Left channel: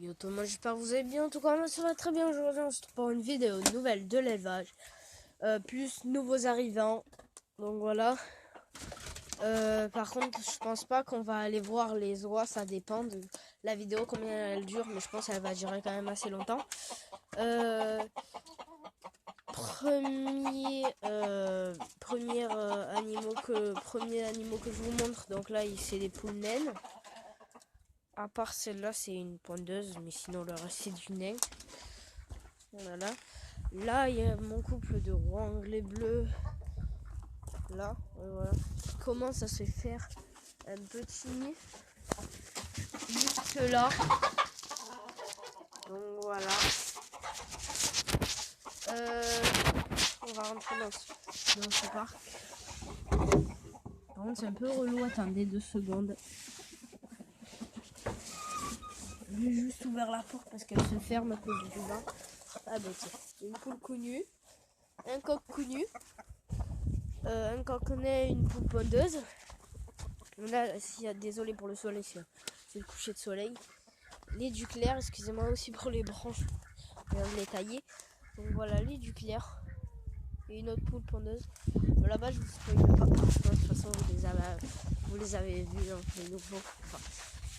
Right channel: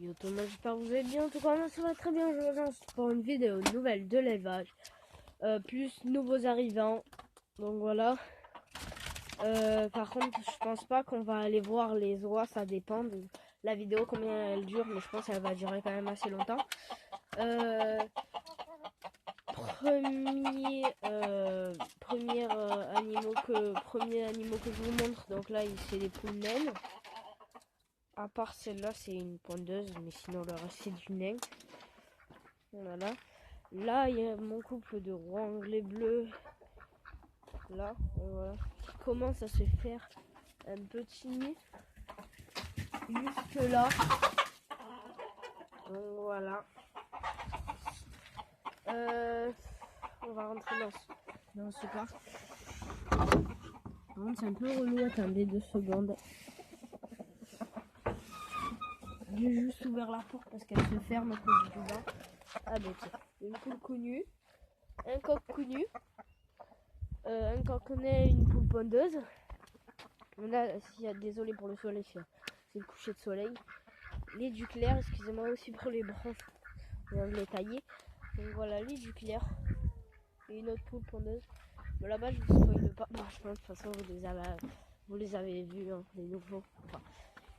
Yo tout le monde, j'espère que vous allez bien. En tout cas, moi ça va très bien. Aujourd'hui, on se retrouve pour une vidéo nouvelle de l'élevage. Plus nouveaux arrivants. Donc voilà. Par contre, je pense pas qu'on va aller voir les oies. Ça dépend de la vidéo, combien elle dure. Mais je pense qu'elle va durer quand même assez longtemps. Premier animaux que je vous montre. Donc là, c'est des poules naines. À part celle-là, c'est une pondeuse, mais sinon le reste c'est du nain. Voilà. Là, il y a mon couple de rois anglais bleus. Là, voilà. Comment ça se fait faire un petit nid juste là. Donc voilà. On va rentrer dans ce parc. Par contre, c'est un peu relou. Attendez 2 secondes. J'ai juste ouvert la porte parce qu'elle se ferme à cause du vent. Ah ben tiens, une poule connue, un coq connu, un coquenet, une poule pondeuse. Là, désolé pour le soleil, c'est le coucher de soleil. Les duclaires, excusez-moi aussi pour les branches, les tailler. Donc voilà, les duclaires et une autre poule pondeuse. Mais là-bas, je vous spoil pas. Je pense de toute façon, vous les avez vus, hein, les nouveaux. Enfin,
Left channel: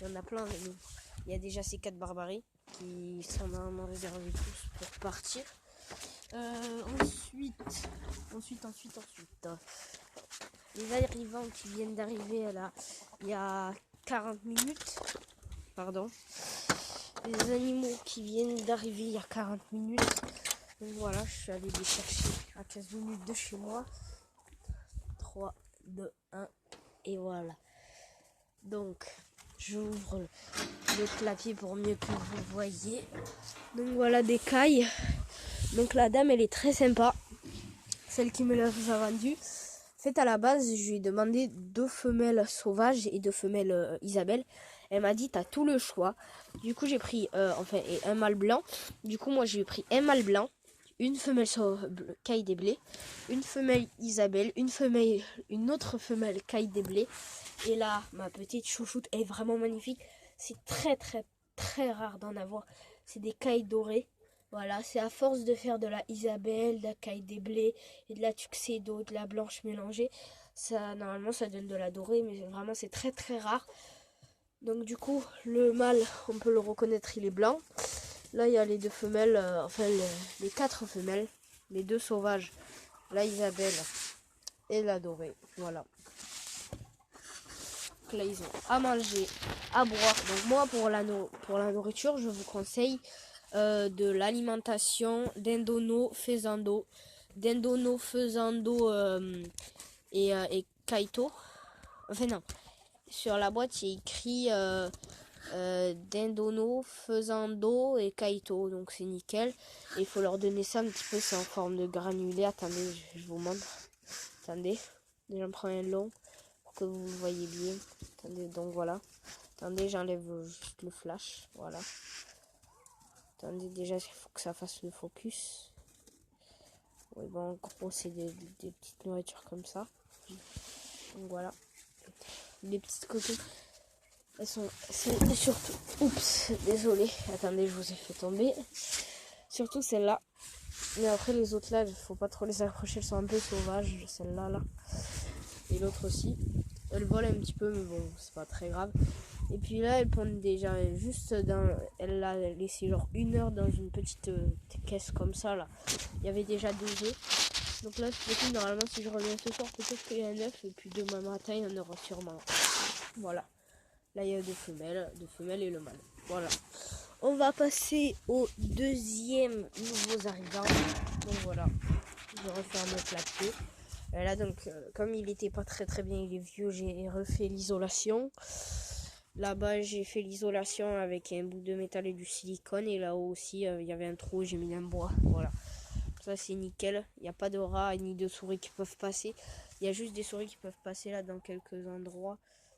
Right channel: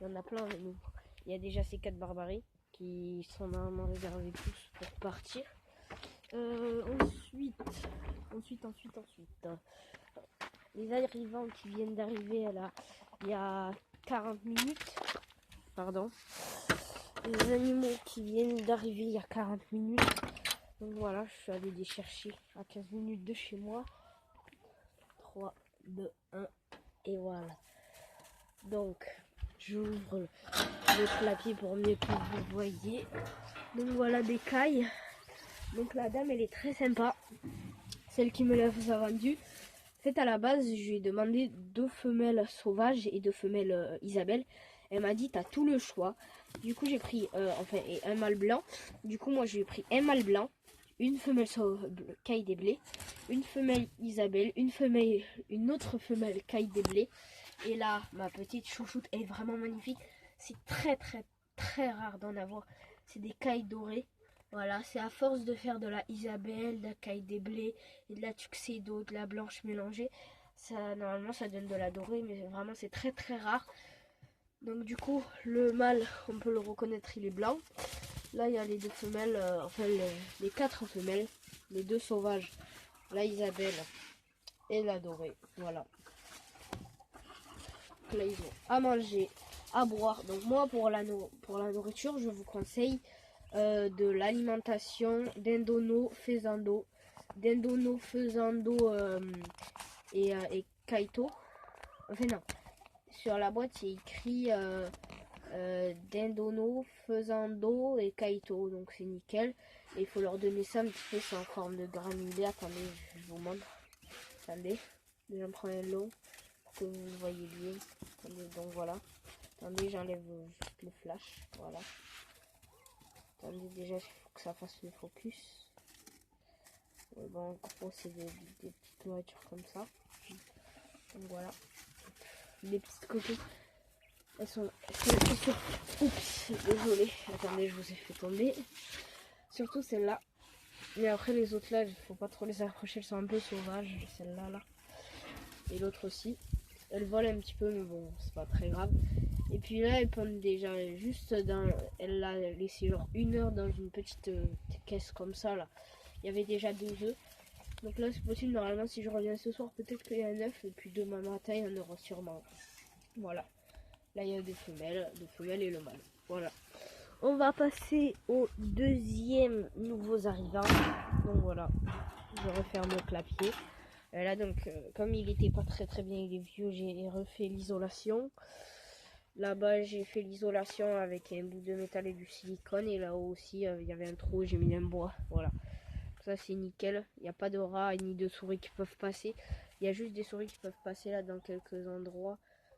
il y en a plein de nouveaux. Il y a déjà ces 4 barbaries qui sont normalement réservés tous pour partir. Ensuite. Les arrivants qui viennent d'arriver là, il y a 40 minutes. Pardon. Les animaux qui viennent d'arriver il y a 40 minutes. Donc voilà, je suis allé les chercher à 15 minutes de chez moi. 3, 2, 1 et voilà. Donc, j'ouvre le clapier pour mieux que vous voyez. Donc voilà des cailles. Donc la dame, elle est très sympa. Celle qui me l'a vendue. En fait, à la base, je lui ai demandé 2 femelles sauvages et 2 femelles Isabelle. Elle m'a dit, t'as tout le choix. Du coup, j'ai pris et un mâle blanc. Du coup, moi, j'ai pris un mâle blanc, une femelle caille des blés, une femelle Isabelle, une autre femelle caille des blés. Et là, ma petite chouchoute est vraiment magnifique. C'est très, très, très rare d'en avoir. C'est des cailles dorées. Voilà, c'est à force de faire de la Isabelle, de la caille des blés et de la tuxedo, de la blanche mélangée. Normalement, ça donne de la dorée, mais vraiment, c'est très, très rare. Donc, du coup, le mâle, on peut le reconnaître, il est blanc. Là, il y a les 2 femelles, les 4 femelles, les 2 sauvages, la Isabelle et la dorée. Voilà. Donc là, ils ont à manger, à boire. Donc, moi, pour la nourriture, je vous conseille de l'alimentation d'Indono, Faisando, et Kaito. Enfin non, sur la boîte il y a écrit Dindono, Faisando et Kaito, donc c'est nickel. Et il faut leur donner ça un petit peu, c'est en forme de granulé. Attendez, je vous montre. Attendez, j'en prends un long pour que vous le voyez bien. Attendez, donc voilà. Attendez, j'enlève juste le flash, voilà. Attendez, déjà, il faut que ça fasse le focus. Oui, bon, en gros, c'est des petites nourritures comme ça. Donc voilà. Les petites coquilles. Elles sont sur. Oups, désolé. Attendez, je vous ai fait tomber. Surtout celle-là. Mais après, les autres là, il faut pas trop les accrocher. Elles sont un peu sauvages. Celle-là, là. Et l'autre aussi. Elle vole un petit peu, mais bon, c'est pas très grave. Et puis là, elle pond déjà juste dans. Elle l'a laissé genre 1 heure dans une petite caisse comme ça là. Il y avait déjà 2 œufs. Donc là, c'est normalement, si je reviens ce soir, peut-être qu'il y a un œuf. Et puis demain matin, il y en aura sûrement. Voilà. Là, il y a 2 femelles et le mâle. Voilà. On va passer au 2e nouveaux arrivants. Donc voilà. Je referme le clapier. Et là, donc, comme il était pas très très bien, il est vieux, j'ai refait l'isolation. Là-bas, j'ai fait l'isolation avec un bout de métal et du silicone. Et là-haut aussi, il y avait un trou, j'ai mis un bois. Voilà. Ça, c'est nickel. Il n'y a pas de rats ni de souris qui peuvent passer. Il y a juste des souris qui peuvent passer là dans quelques endroits.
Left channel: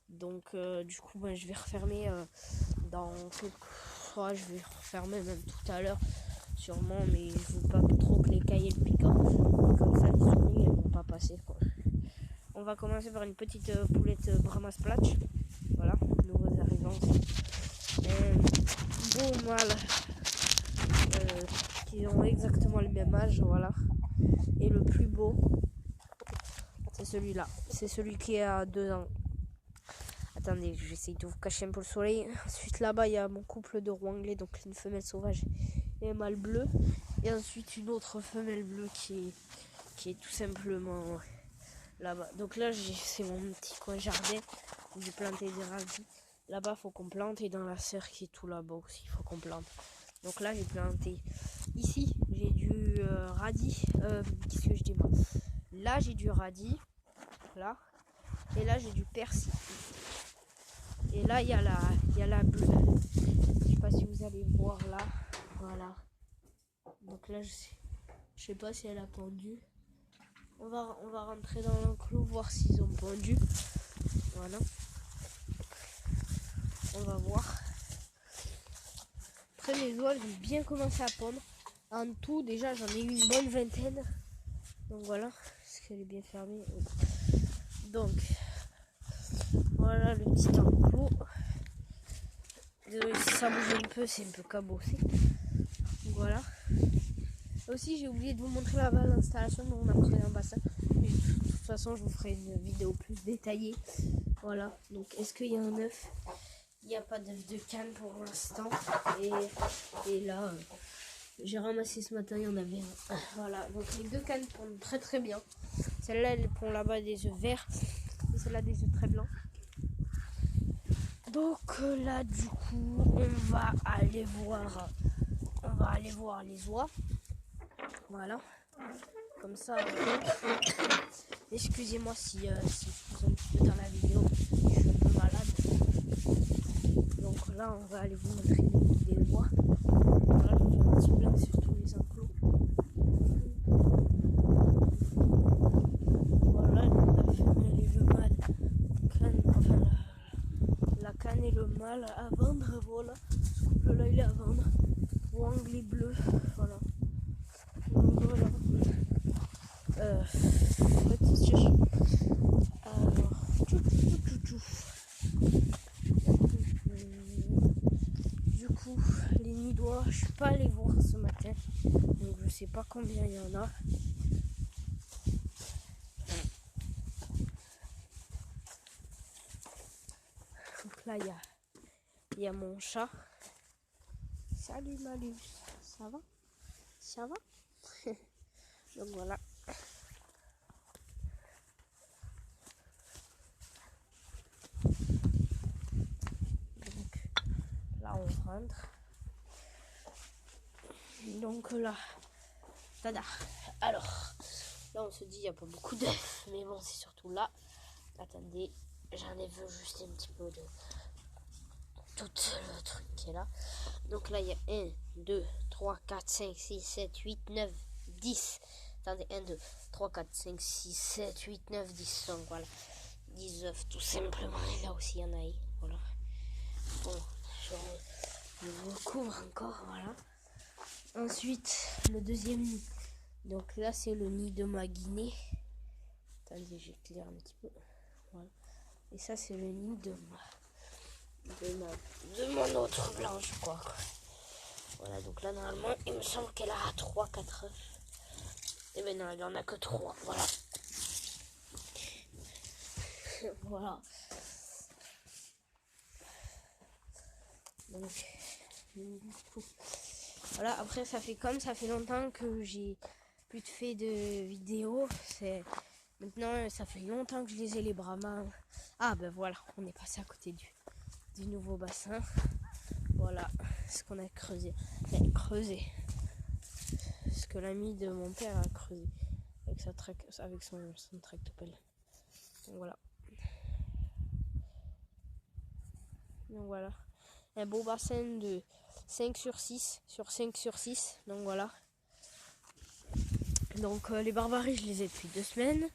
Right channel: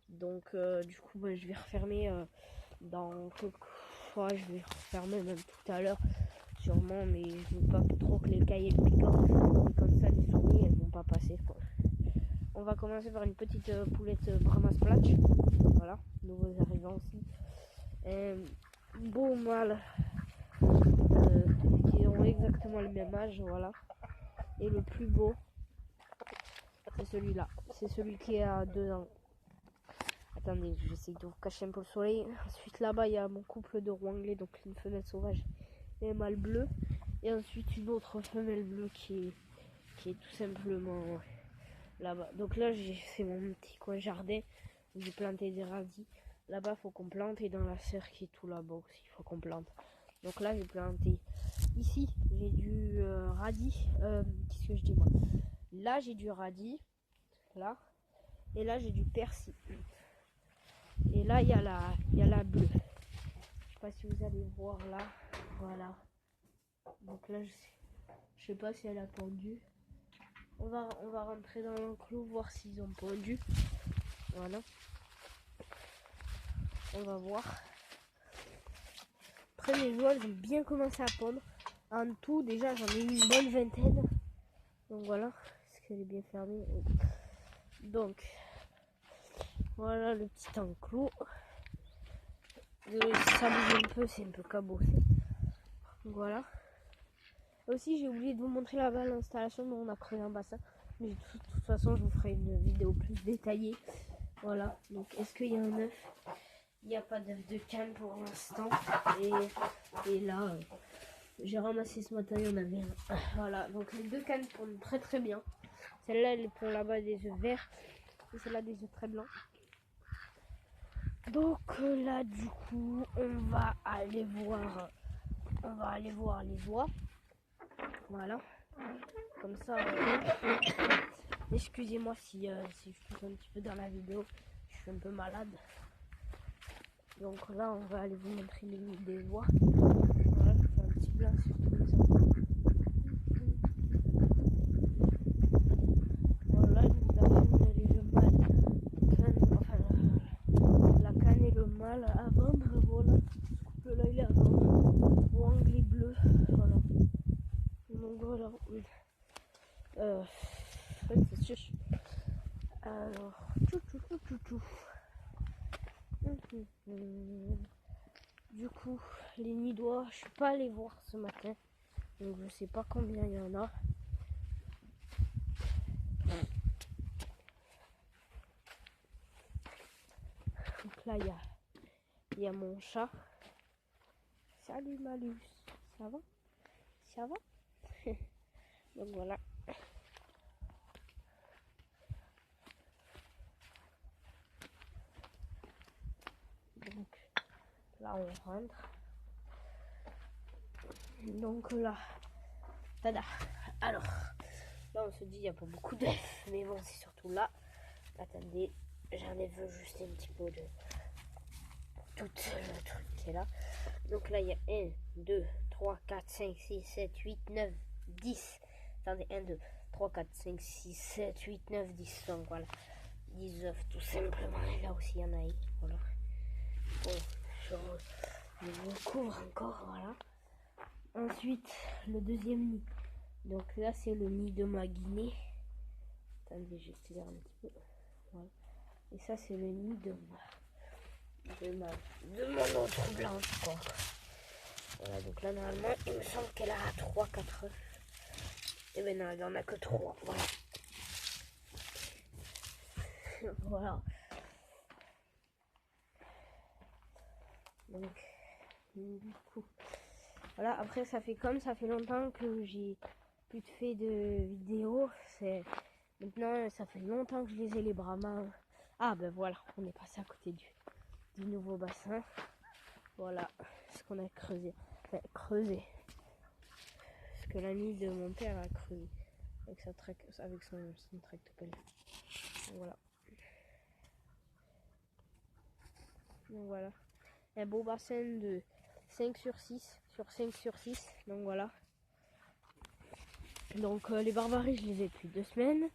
Donc, du coup, je vais refermer dans quelques fois. Je vais refermer même tout à l'heure, sûrement. Mais je veux pas trop que les cailles aient le piquant. Comme ça, les souris, elles vont pas passer, quoi. On va commencer par une petite poulette Brahma Splatch. Voilà, nouveaux arrivants. beaux mâles qui ont exactement le même âge, voilà. Et le plus beau, c'est celui-là. C'est celui qui a 2 ans. Attendez, je vais essayer de vous cacher un peu le soleil. Ensuite, là-bas, il y a mon couple de roux anglais, donc une femelle sauvage et un mâle bleu. Et ensuite, une autre femelle bleue qui est tout simplement là-bas. Donc là, c'est mon petit coin jardin où j'ai planté des radis. Là-bas, il faut qu'on plante. Et dans la serre qui est tout là-bas aussi, il faut qu'on plante. Donc là, j'ai planté. Ici, j'ai du radis. Qu'est-ce que je dis moi? Là, j'ai du radis. Là. Et là, j'ai du persil. Et là, il y a la bleue. Je sais pas si vous allez voir là. Voilà. Donc là, je sais pas si elle a pondu. On va rentrer dans l'enclos, voir s'ils ont pondu. Voilà. On va voir. Après, mes oies, elles ont bien commencé à pondre. En tout, déjà, j'en ai eu une bonne vingtaine. Donc voilà. Est-ce qu'elle est bien fermée? Oui. Donc, voilà le petit enclos. Désolé si ça bouge un peu, c'est un peu cabossé. Voilà. Aussi, j'ai oublié de vous montrer là-bas l'installation dont on a creusé un bassin. Mais de toute façon, je vous ferai une vidéo plus détaillée. Voilà. Donc, est-ce qu'il y a un œuf? Il n'y a pas d'œuf de canne pour l'instant. Et là, j'ai ramassé ce matin, il y en avait un. Voilà. Donc, les 2 cannes pondent très très bien. Celle-là, elle pond là-bas des œufs verts. Et celle-là, des œufs très blancs. Donc là, du coup, on va aller voir les oies. Voilà. Comme ça, excusez-moi si je pousse un petit peu dans la vidéo. Je suis un peu malade. Donc là, on va aller vous montrer le nid des oies. Voilà, je fais un petit blanc sur tous les enclos. Voilà, la femelle et le mâle. La canne et le mâle à vendre. Voilà. Ce couple-là, il est à vendre. Roux anglais bleu. Voilà. Donc voilà. Alors, du coup, les nids d'oies, je suis pas allée voir ce matin, donc je sais pas combien il y en a. Donc là, il y a mon chat. Salut Malus, ça va? Ça va? Donc voilà. Donc là, on rentre. Donc là, tada. Alors, là, on se dit, il n'y a pas beaucoup d'œufs, mais bon, c'est surtout là. Attendez, j'enlève juste un petit peu de tout le truc qui est là. Donc là, il y a 1, 2, 3, 4, 5, 6, 7, 8, 9, 10. Attendez, 1, 2, 3, 4, 5, 6, 7, 8, 9, 10. Donc voilà, 10 œufs tout simplement. Et là aussi, il y en a. Voilà. Bon, je recouvre encore, voilà. Ensuite, le deuxième nid. Donc là, c'est le nid de ma guinée. Attendez, j'éclaire un petit peu. Voilà. Et ça, c'est le nid de mon autre blanche, quoi. Voilà, donc là, normalement, il me semble qu'elle a 3-4 œufs. Et ben non, il n'y en a que 3, voilà. Voilà. Donc, du coup, voilà, après, ça fait longtemps que j'ai plus fait de vidéos. Maintenant, ça fait longtemps que je les ai, les brahmas. Ah, ben voilà, on est passé à côté du nouveau bassin. Voilà ce qu'on a creusé. Enfin, creusé. Ce que l'ami de mon père a creusé. Avec son tractopelle. Donc voilà. Donc voilà. Un beau bassin de 5 sur 6 sur 5 sur 6. Donc voilà. Donc les barbaries, je les ai depuis 2 semaines.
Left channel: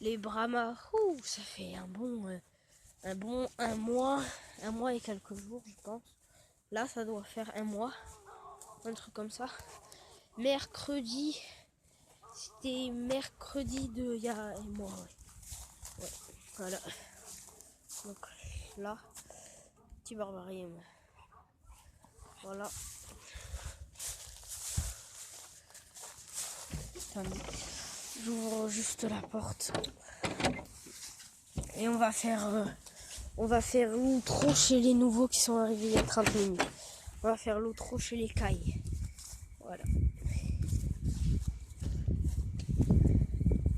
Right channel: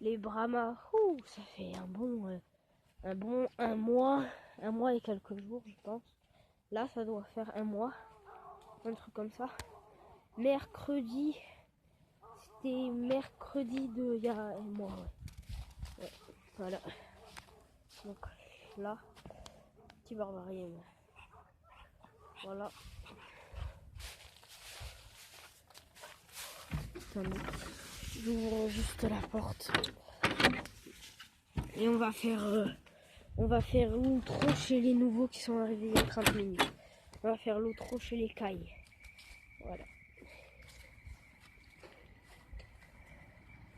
Les brahmas, ça fait un mois et quelques jours, je pense. Là, ça doit faire 1 mois. Un truc comme ça. Mercredi. C'était mercredi de il y a 1 mois, ouais. Voilà. Donc là, petit barbarie. Voilà. Voilà. Attendez, j'ouvre juste la porte. Et on va faire l'outro chez les nouveaux qui sont arrivés il y a 30 minutes. On va faire l'outro chez les cailles. Voilà.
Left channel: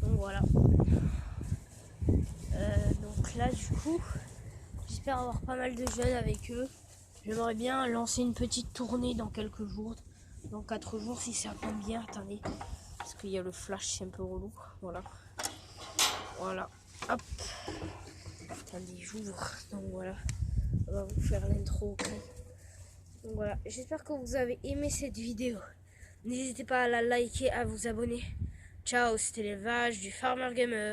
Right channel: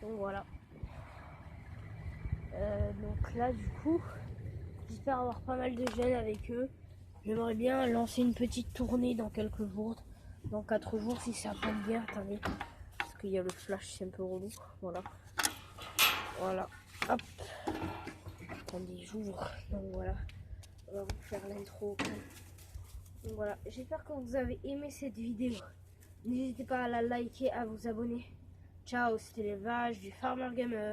Donc voilà. Donc là du coup, j'espère avoir pas mal de jeunes avec eux. J'aimerais bien lancer une petite tournée dans quelques jours. Dans 4 jours si ça tombe bien. Attendez. Parce qu'il y a le flash, c'est un peu relou. Voilà. Voilà. Hop. Attendez, j'ouvre. Donc voilà. On va vous faire l'intro. Donc voilà. J'espère que vous avez aimé cette vidéo. N'hésitez pas à la liker, à vous abonner. Ciao, c'était l'élevage du Farmer Gamer.